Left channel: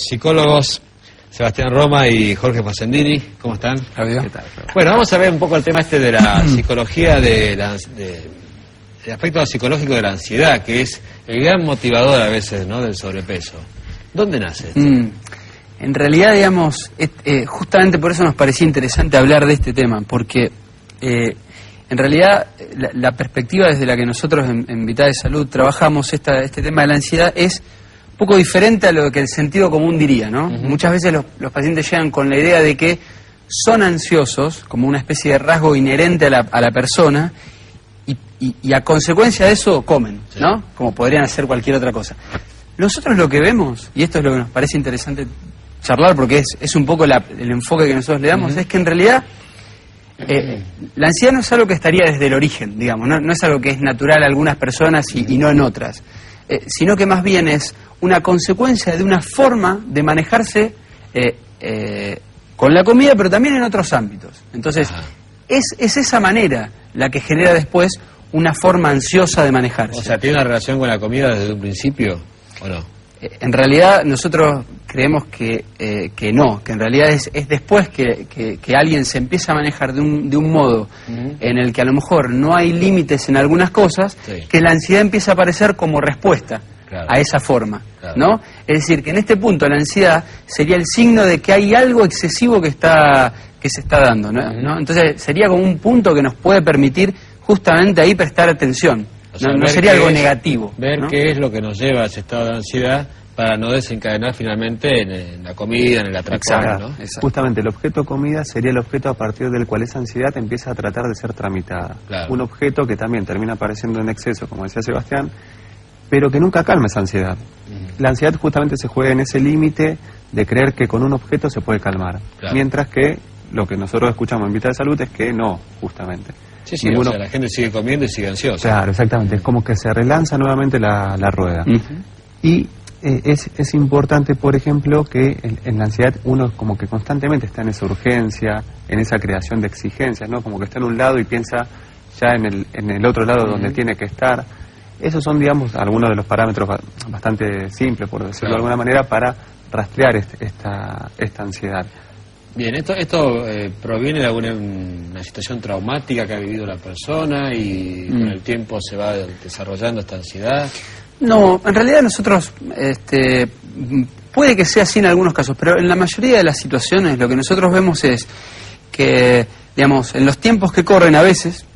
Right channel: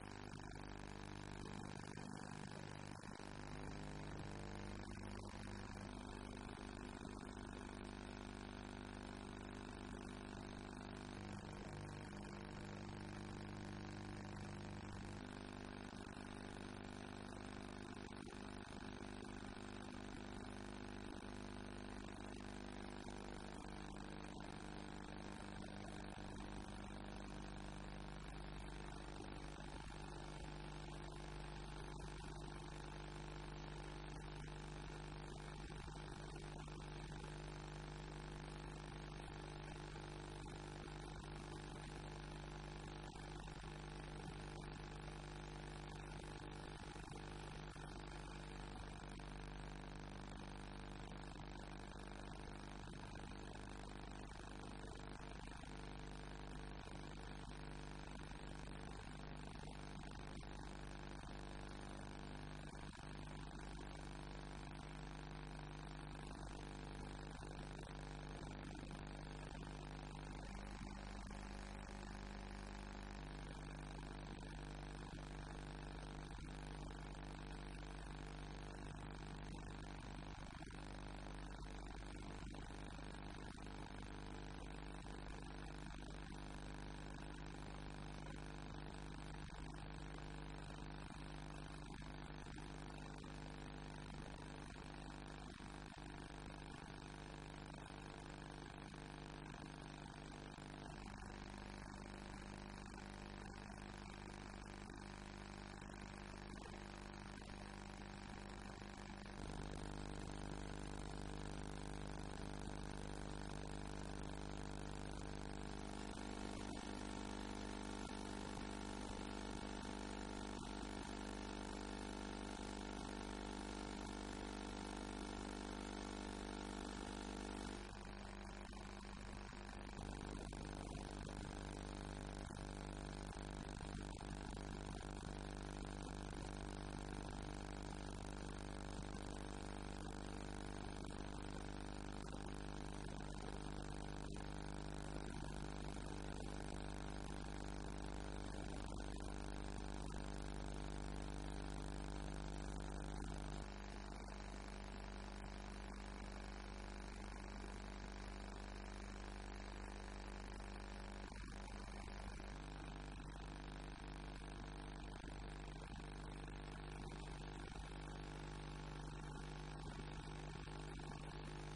Psicólogos Sebastián Roma y Jorge Facendini, ¿cómo están? Adiós. ¿Qué tal? Bueno, vamos a ver un poco el tema este de la psicología, el aspecto psicológico de la ansiedad, que es el gran motivador a veces, ¿no?, del sobrepeso. ¿Dónde nace esto? En realidad, digamos, justamente por eso nos parecía interesante hablar de este tema, porque en realidad la perspectiva desde la que nosotros en Vital de Salud trabajamos este tema de la ansiedad es un poco diferente a lo que el sentido común diría, ¿no? Muchas veces los pacientes llegan con la idea de que son ansiosos, como una especie de rasgo inherente a la persona, y a consecuencia de eso comen, ¿no? Como podrían hacer cualquier otra cosa. Nosotros lo que vemos, y esto es lo que nos parece interesante charlar, porque es un poco el enfoque que nosotros le damos, es que en realidad la ansiedad no es algo que estaría desde el origen, digamos, no es algo que es natural a algunas personas y no en otras, sino que más bien es una consecuencia de una forma de manejarse con la comida, pero también en otros ámbitos. Entonces, es esa manera la que genera después una forma ansiosa de manejarse. O sea, ¿tiene una relación con la comida desde un principio o no? En realidad nosotros creemos que no, que en realidad es después que alguien se empieza a manejar de un modo en el que a lo mejor no hay límites en algunas cosas, que la ansiedad empieza a aparecer como respuesta a esa forma, ¿no? Es decir, que en este punto la ansiedad sería el signo de que hay algo excesivo que se está dando, ¿no? Entonces sería como un punto que nos puede permitir justamente ahí prestar atención. O sea, no sería algo negativo. Ver, ¿no?, qué es lo que nos lleva a ese estado de ansiedad para no desencadenar finalmente en la comida, en el atracón, ¿no? Exacto. Justamente el objeto comida sería el objeto a partir del cual esa ansiedad empieza a tratar de ser tramitada. Claro. Un objeto que también termina apareciendo en exceso, como decía Sebastián, pero que nunca calma esa ansiedad. La ansiedad justamente se juega en ese límite de creer que con un objeto se puede calmar, mientras que lo que nosotros escuchamos en Vital de Salud es que no, justamente. Sí, o sea, la gente sigue comiendo y sigue ansiosa. Claro, exactamente, es como que se relanza nuevamente la rueda. Y es importante, por ejemplo, que en la ansiedad uno como que constantemente está en esa urgencia, en esa creación de exigencias, ¿no? Como que está en un lado y piensa ya en el otro lado donde tiene que estar. Esos son, digamos, algunos de los parámetros bastante simples, por decirlo de alguna manera, para rastrear esta ansiedad. Bien, esto proviene de alguna situación traumática que ha vivido la persona y con el tiempo se va desarrollando esta ansiedad. No, en realidad nosotros, puede que sea así en algunos casos, pero en la mayoría de las situaciones lo que nosotros vemos es que, digamos, en los tiempos que corren a veces,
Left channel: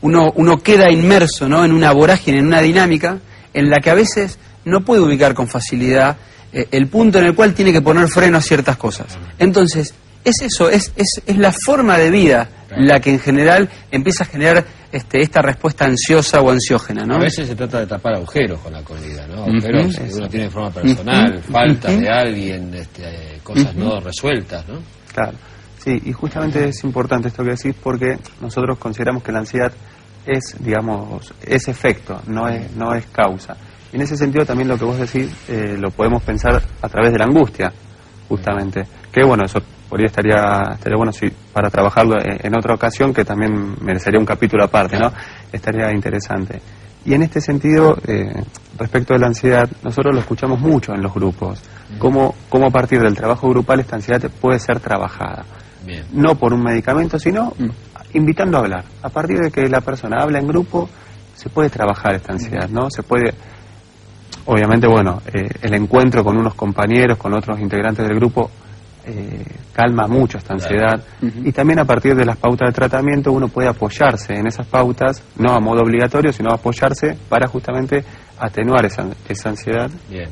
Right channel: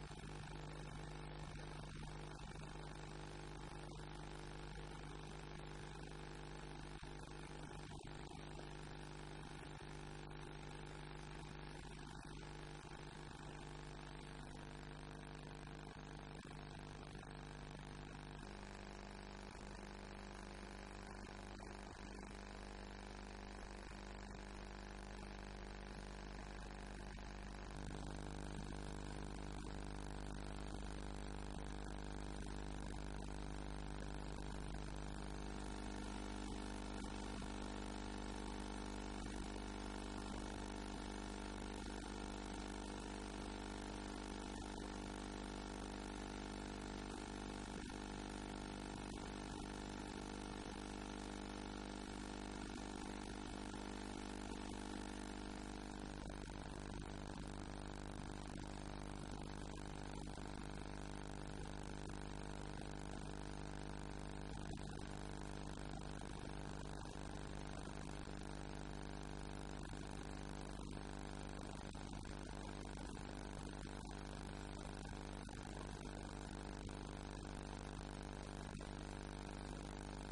uno queda inmerso, ¿no?, en una vorágine, en una dinámica en la que a veces no puede ubicar con facilidad el punto en el cual tiene que poner freno a ciertas cosas. Entonces, es eso, es la forma de vida la que en general empieza a generar esta respuesta ansiosa o ansiógena, ¿no? A veces se trata de tapar agujeros con la comida, ¿no? Agujeros que uno tiene de forma personal, faltas de alguien, cosas no resueltas, ¿no? Claro, sí, y justamente es importante esto que decís porque nosotros consideramos que la ansiedad es, digamos, es efecto, no es causa. En ese sentido también lo que vos decís lo podemos pensar a través de la angustia, justamente. Que bueno, eso por ahí estaría bueno para trabajarlo en otra ocasión, que también merecería un capítulo aparte, ¿no? Estaría interesante. Y en este sentido, respecto de la ansiedad, nosotros lo escuchamos mucho en los grupos. Cómo a partir del trabajo grupal esta ansiedad puede ser trabajada. Bien. No por un medicamento, sino invitando a hablar. A partir de que la persona habla en grupo, se puede trabajar esta ansiedad, ¿no? Se puede... Obviamente, bueno, el encuentro con unos compañeros, con otros integrantes del grupo, calma mucho esta ansiedad. Y también a partir de las pautas de tratamiento uno puede apoyarse en esas pautas, no a modo obligatorio, sino apoyarse para justamente atenuar esa ansiedad. Bien.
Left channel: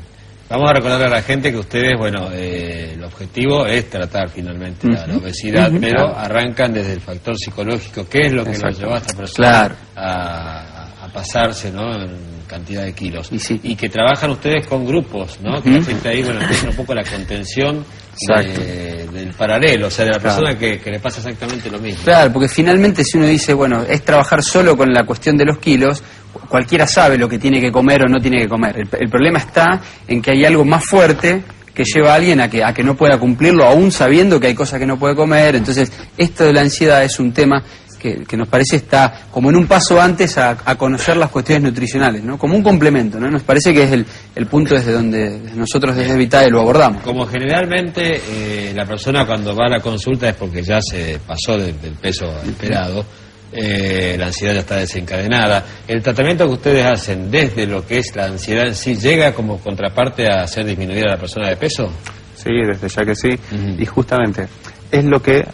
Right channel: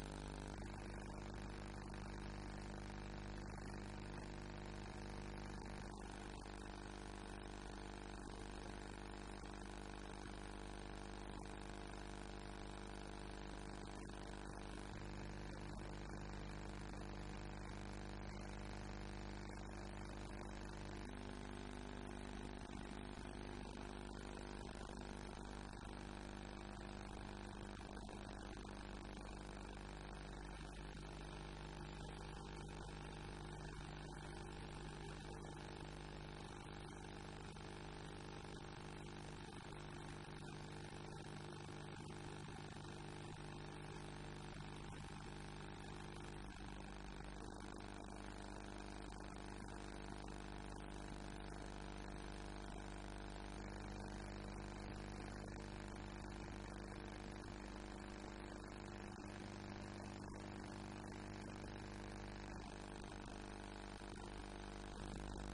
Vamos a recordar a la gente que ustedes, bueno, el objetivo es tratar finalmente la obesidad, pero arrancan desde el factor psicológico. ¿Qué es lo que nos llevó a esta persona a pasarse, ¿no?, en cantidad de kilos? Y que trabajan ustedes con grupos, ¿no? Que la gente ahí, bueno, empieza un poco la contención del paralelo, o sea, de la persona que le pasa exactamente lo mismo. Claro, porque finalmente si uno dice, bueno, es trabajar solo con la cuestión de los kilos, cualquiera sabe lo que tiene que comer o no tiene que comer. El problema está en que hay algo más fuerte que lleva a alguien a que no pueda cumplirlo, aún sabiendo que hay cosas que no puede comer. Entonces, esto de la ansiedad es un tema que nos parece está como en un paso antes a conocer las cuestiones nutricionales, ¿no? Como un complemento, ¿no? Nos parece que es el punto desde donde nosotros desde Vitae lo abordamos. Como generalmente la persona cuando va a la consulta es porque ya se pasó del peso esperado, la ansiedad ya está desencadenada. El tratamiento que ustedes hacen desde lo que es la ansiedad en sí, ¿llega como contraparte a hacer disminuir a la persona de peso? Sí, desde ya que sí. Y justamente es lo que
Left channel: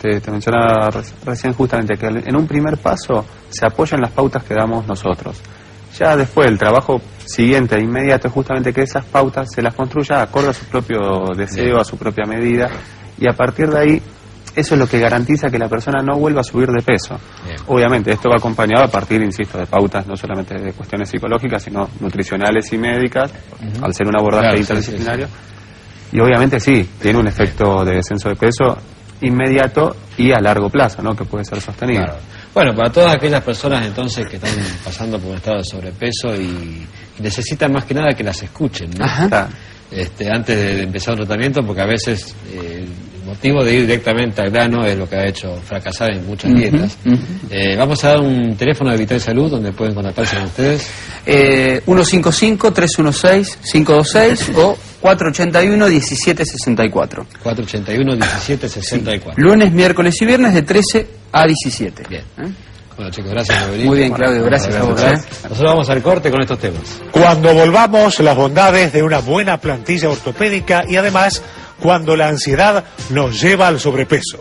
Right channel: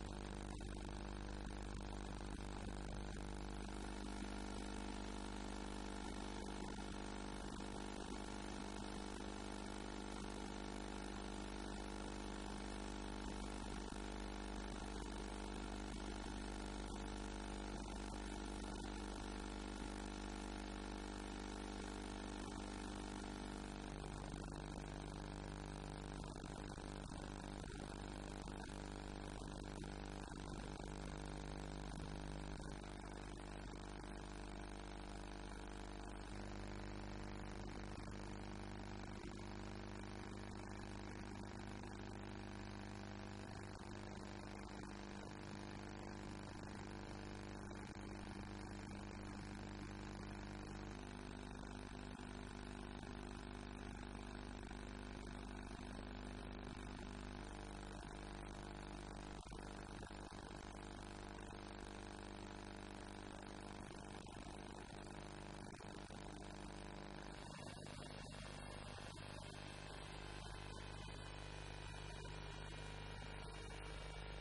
te mencionaba recién, justamente que en un primer paso se apoyan las pautas que damos nosotros. Ya después el trabajo siguiente e inmediato es justamente que esas pautas se las construya acorde a su propio deseo, a su propia medida, y a partir de ahí eso es lo que garantiza que la persona no vuelva a subir de peso. Bien. Obviamente esto va acompañado a partir, insisto, de pautas no solamente de cuestiones psicológicas, sino nutricionales y médicas, al ser un abordaje interdisciplinario. Sí. Y obviamente sí, tiene un efecto de descenso de peso inmediato y a largo plazo, ¿no? Que puede ser sostenido. Claro. Bueno, para todas aquellas personas entonces que están pasando por un estado de sobrepeso y necesitan más que nada que las escuchen, ¿no? Antes de empezar un tratamiento, porque a veces el motivo de ir directamente al grano es lo que ha hecho fracasar en muchas dietas. Vamos a dar un teléfono de Vitae Salud donde pueden contactarse con ustedes. 155-316-526 o 481-1764. 481-1764. Lunes, miércoles y viernes de 13 a 17. Bien. Bueno, chicos, gracias por venir. Muy bien, Claudio, gracias a vos. Nosotros vamos al corte con estos temas. Cuando volvamos, las bondades de una buena plantilla ortopédica y además cuando la ansiedad nos lleva al sobrepeso.